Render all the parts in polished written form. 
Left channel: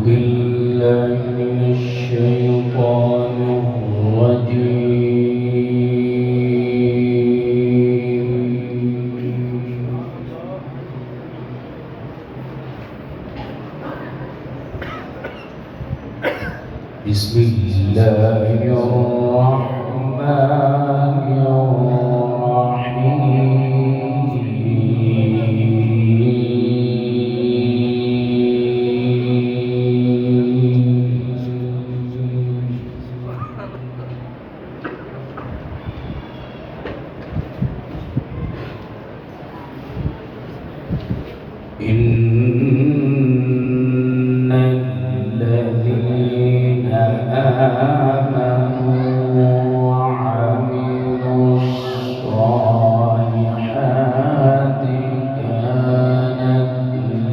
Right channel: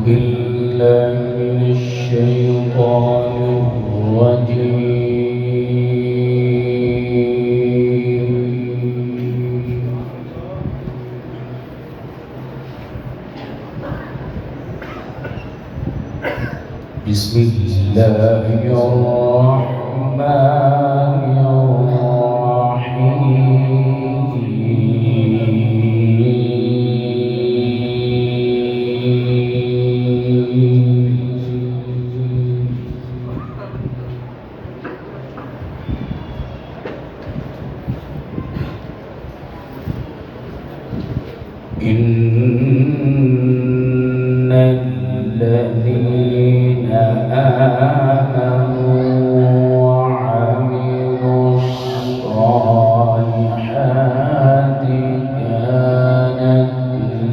بالله من الشيطان الرجيم. بسم الله الرحمن الرحيم. إن الذين آمنوا وعملوا الصالحات كانت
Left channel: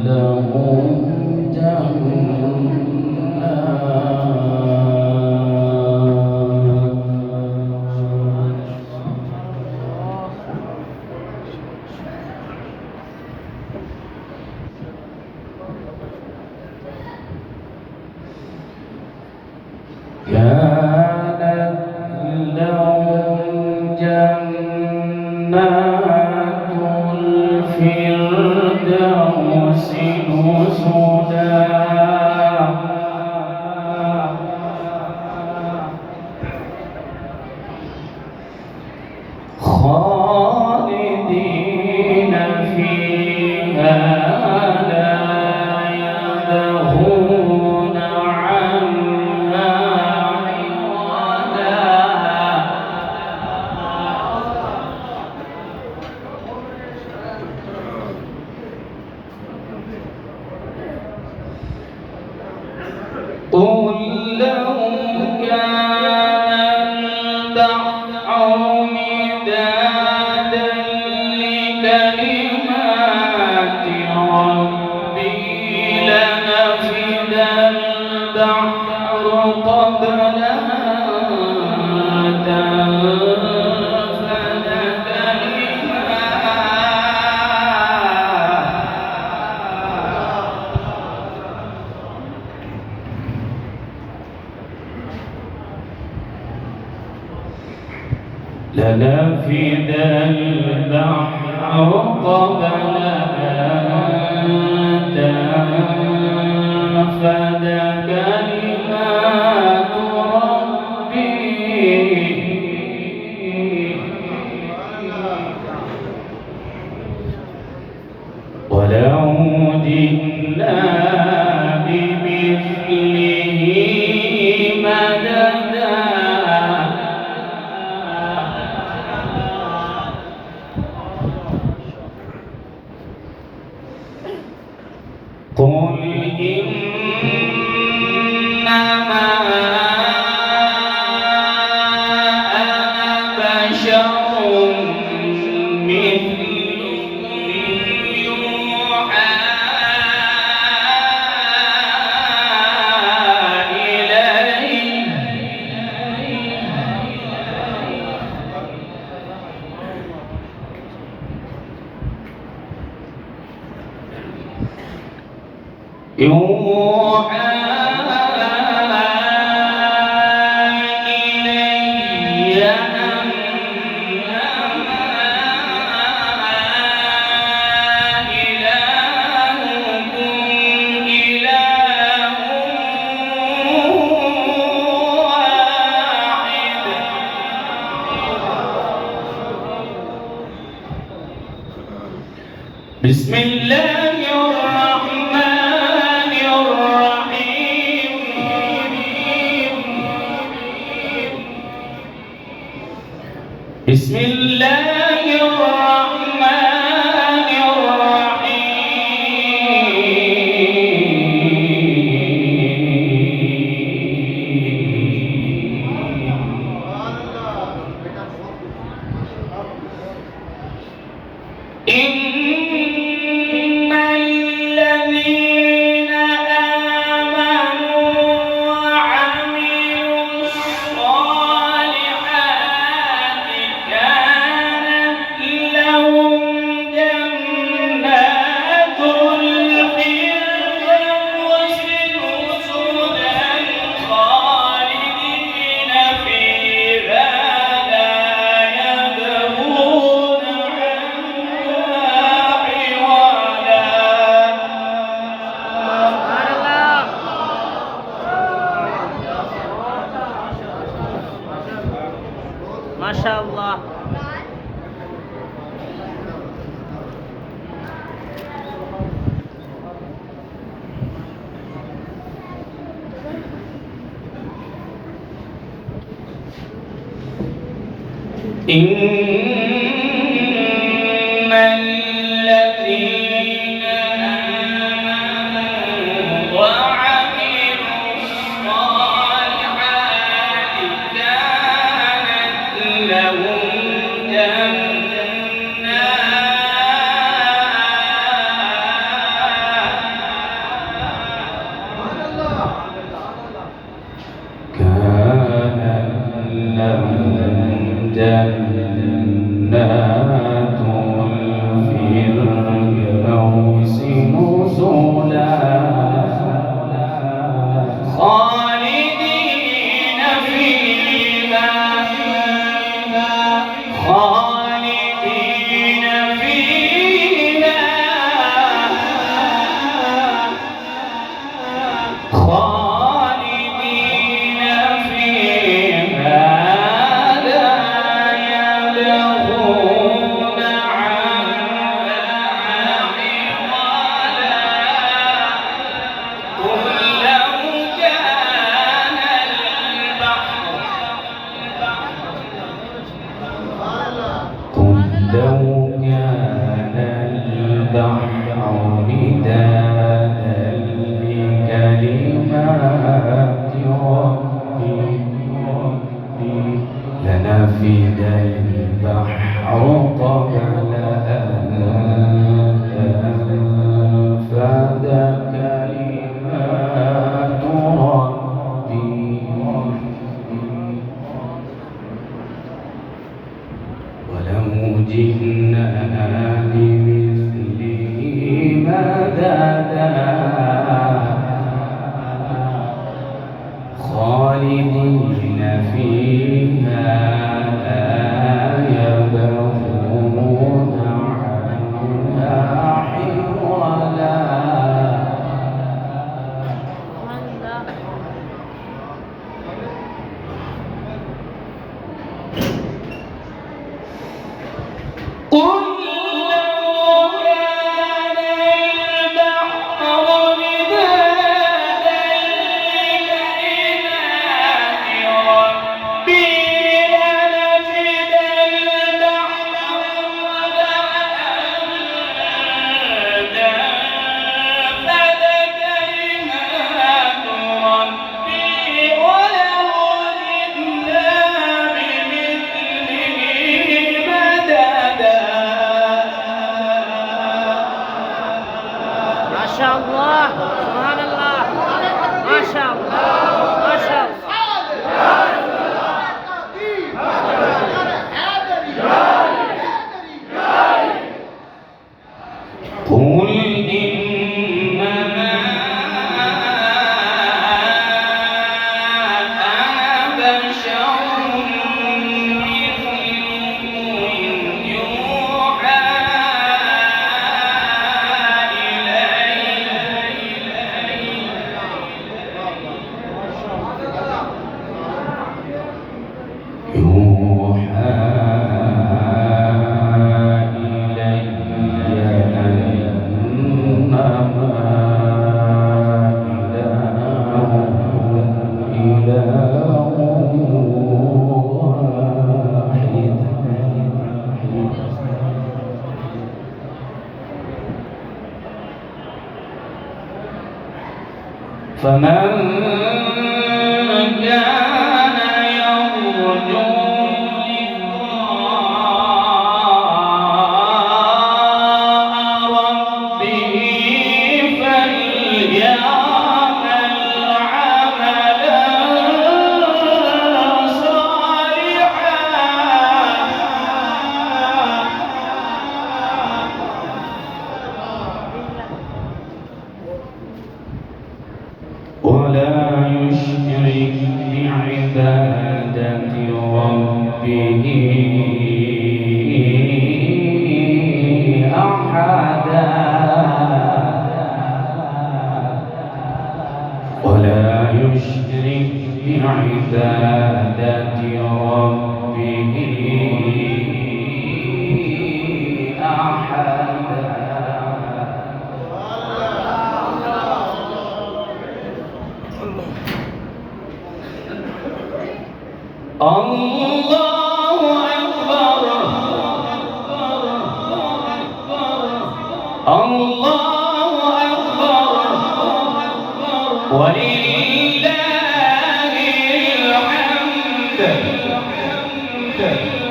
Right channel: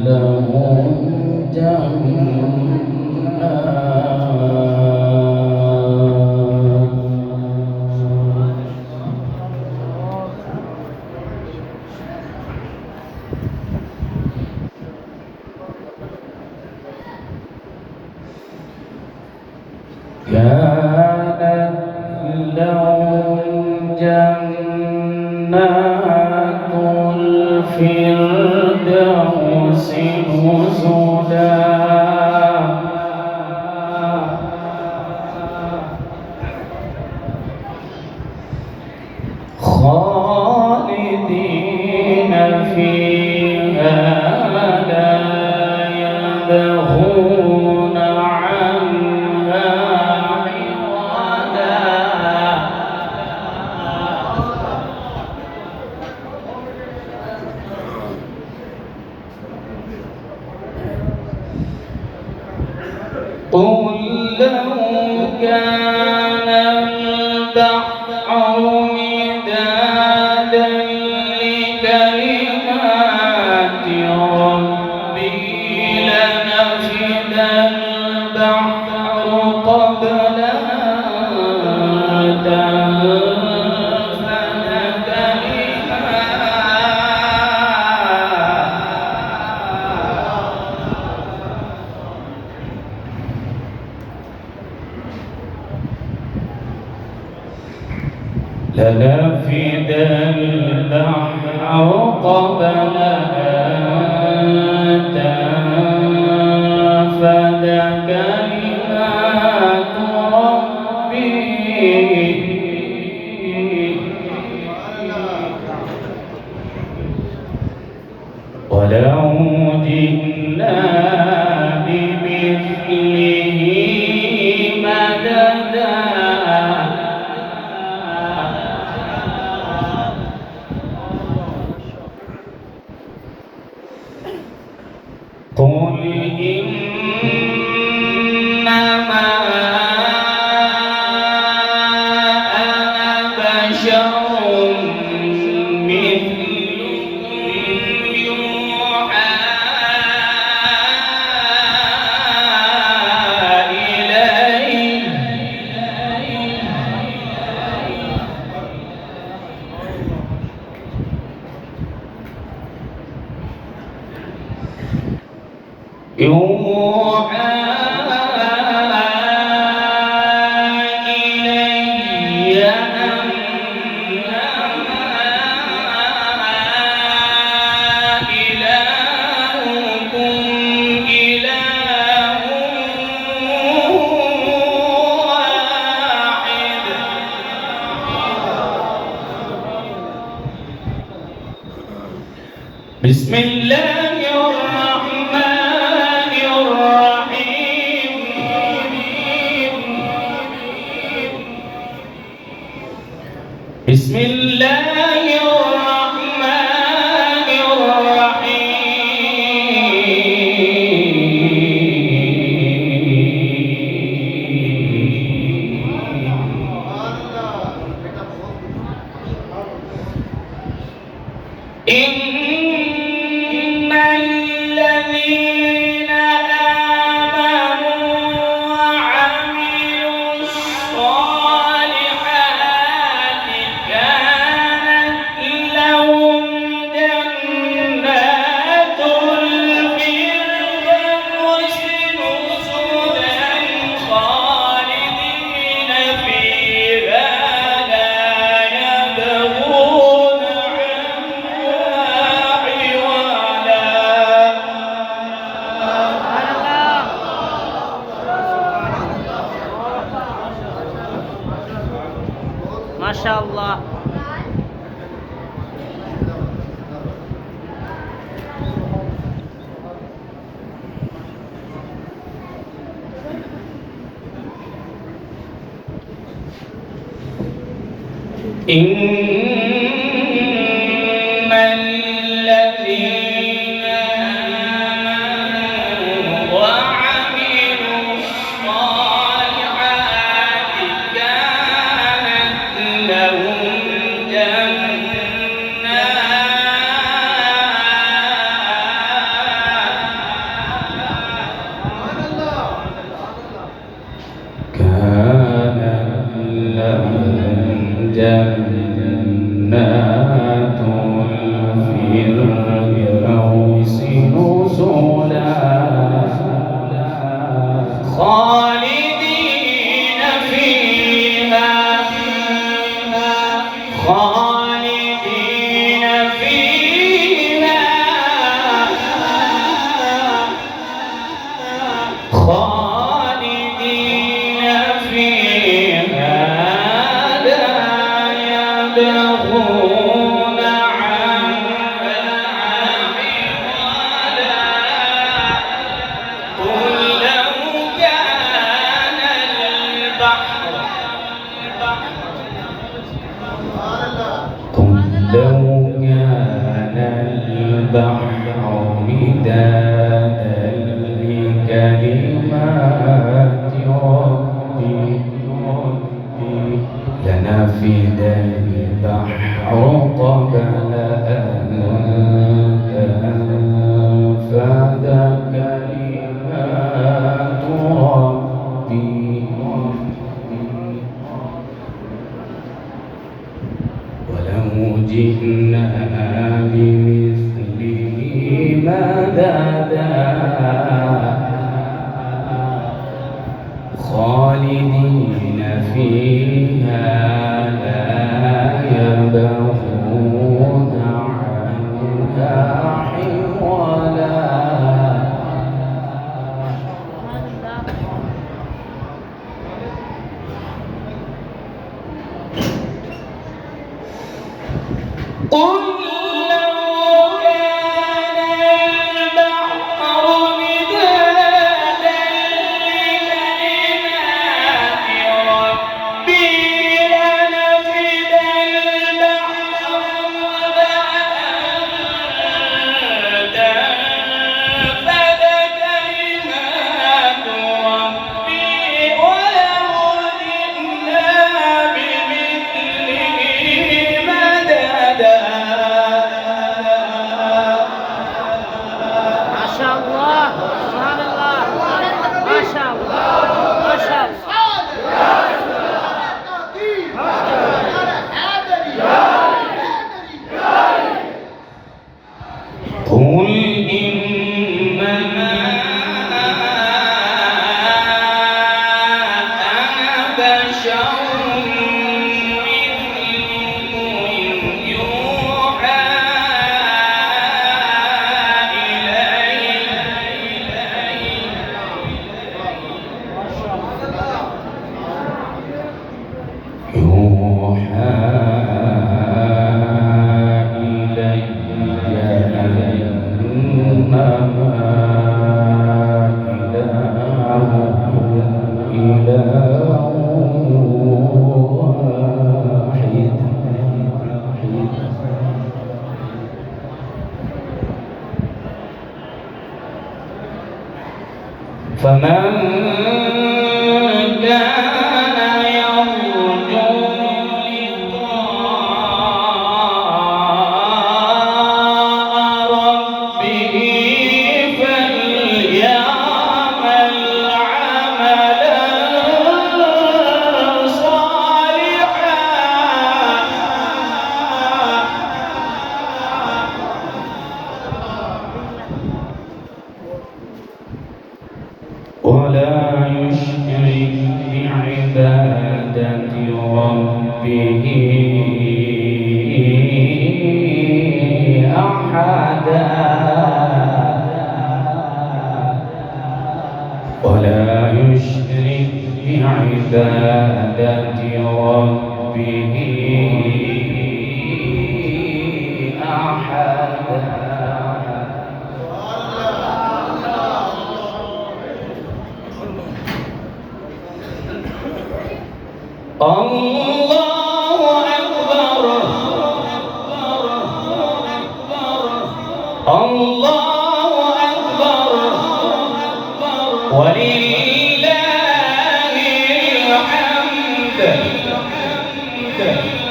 لهم جنات الفردوس نزلا خالدين فيها لا يبغون عنها عوضا. قل لو كان البحر مدادا لكلمات ربي لنفد البحر قبل أن تنفد لنفد البحر قبل أن تنفد كلمات ربي ولو جئنا بمثله مددا. قل إنما أنا بشر مثلكم يوحى إلي. يوحى إلي أنما إلهكم إله واحد. بسم الله الرحمن الرحيم. بسم الله الرحمن الرحيم. إن الذين آمنوا وعملوا الصالحات كانت মাশাআল্লাহ। إن الذين آمنوا وعملوا الصالحات كانت لهم جنات الفردوس نزلا خالدين فيها خالدين فيها خالدين فيها لا يبغون عنها حولا قل لو كان البحر مدادا لكلمات ربي لنفد البحر قبل أن تنفد كلمات ربي ولو جئنا بمثله مددا خالدين فيها لا يبغون عنها حولا قل لو كان البحر مدادا لكلمات ربي لنفد البحر قبل أن تنفد كلمات ربي ولو جئنا بمثله مددا মাশাআল্লাহ, সুবহানাল্লাহ, মাশাআল্লাহ, মাশাআল্লাহ। قل إنما أنا بشر مثلكم يوحى فمن كان يرجو لقاء ربه فليعمل عملا صالحا ولا يشرك بعبادة ربه أحدا ولا يشرك بعبادة ربه الله أكبر الله أكبر ولله الحمد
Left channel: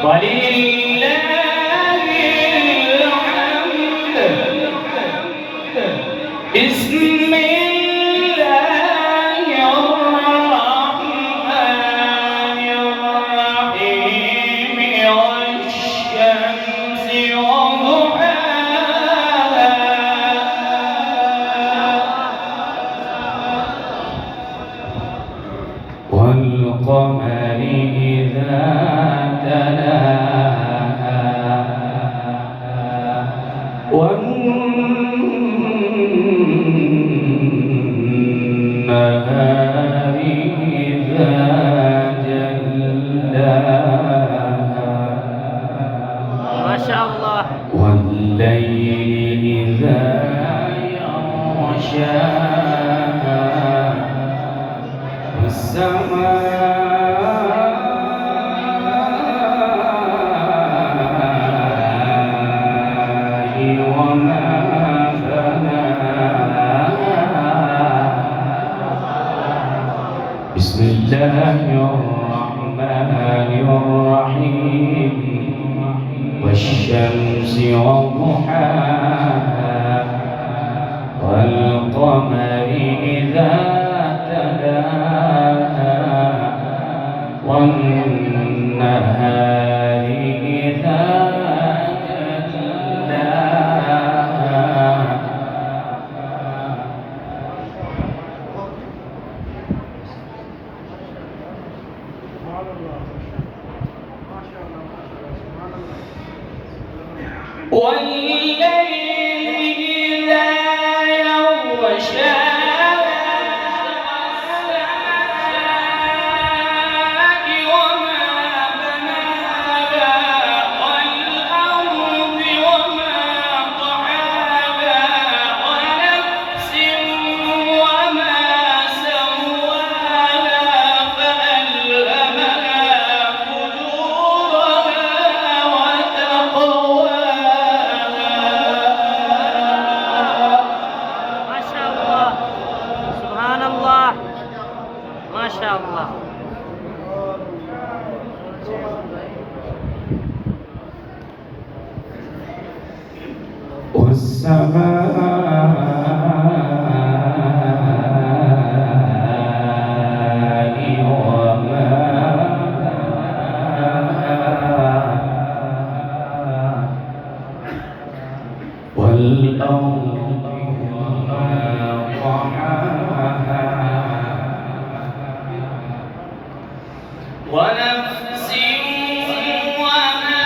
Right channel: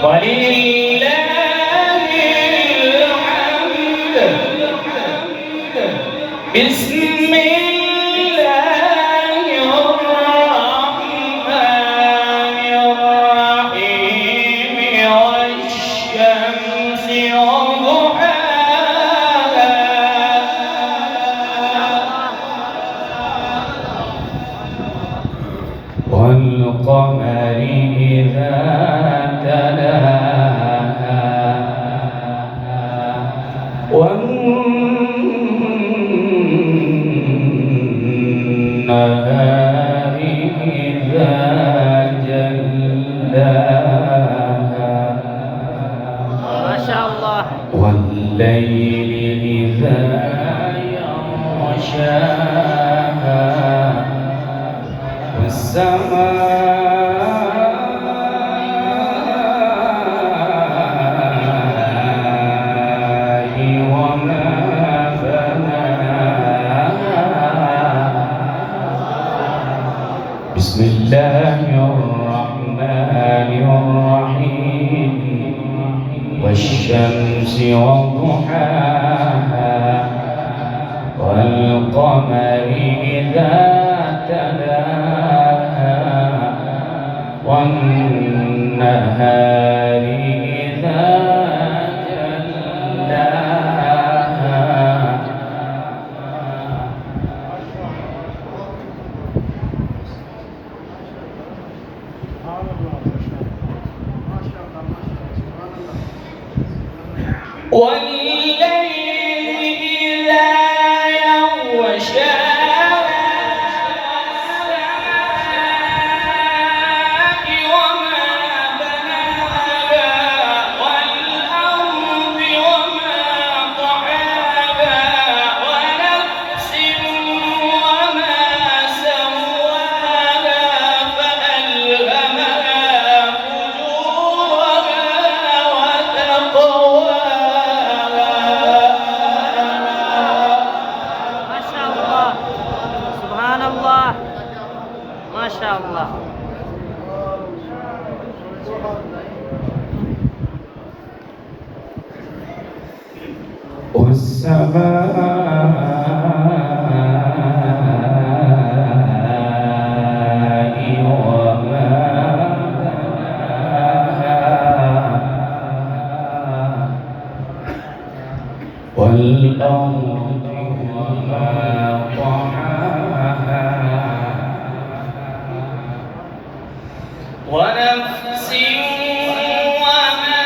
ولله الحمد بسم الله الرحمن الرحيم والشمس وضحاها والقمر إذا تلاها والنهار إذا جلاها ما شاء الله. والليل إذا يغشاها والسماء وما بناها بسم الله الرحمن الرحيم والشمس وضحاها والقمر إذا تلاها والنهار إذا جلاها والليل إذا يغشاها والسماء وما بناها والأرض وما طحاها ونفس وما سواها فألهمها فجورها وتقواها ما شاء الله. سبحان الله. ما شاء الله. والسماء وما بناها والأرض وما طحاها ونفس وما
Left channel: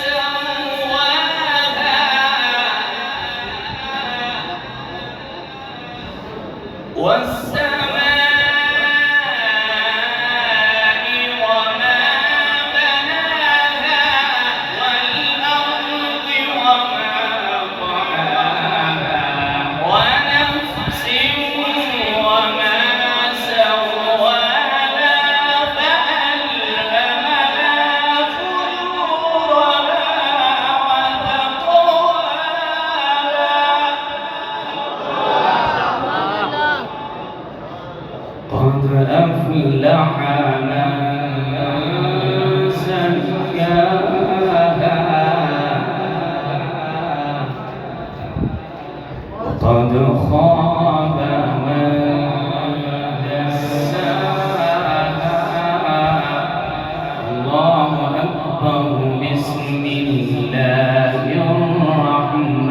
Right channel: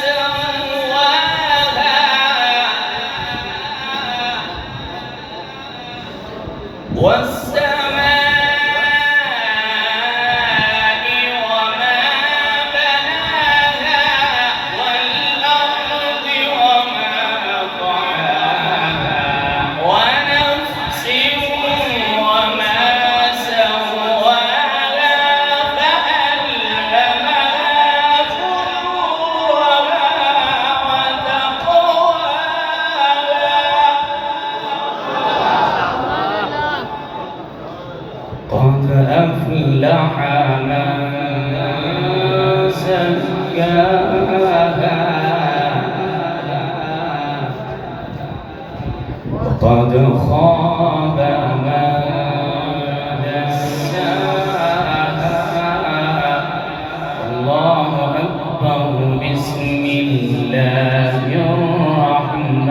سواها والسماء وما بناها والأرض وما طحاها ونفس وما سواها فألهمها فجورها وتقواها قد أفلح من زكاها وقد خاب من دساها الله أكبر بسم الله الرحمن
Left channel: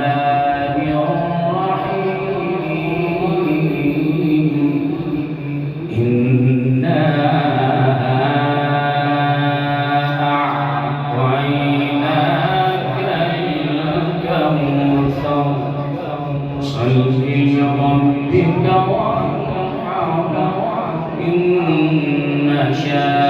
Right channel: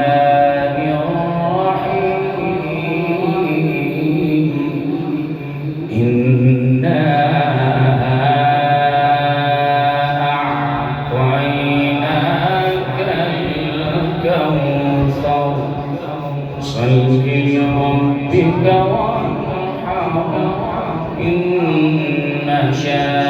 الرحيم إنا أعطيناك الكوثر صل لربك وانحر إن شانئك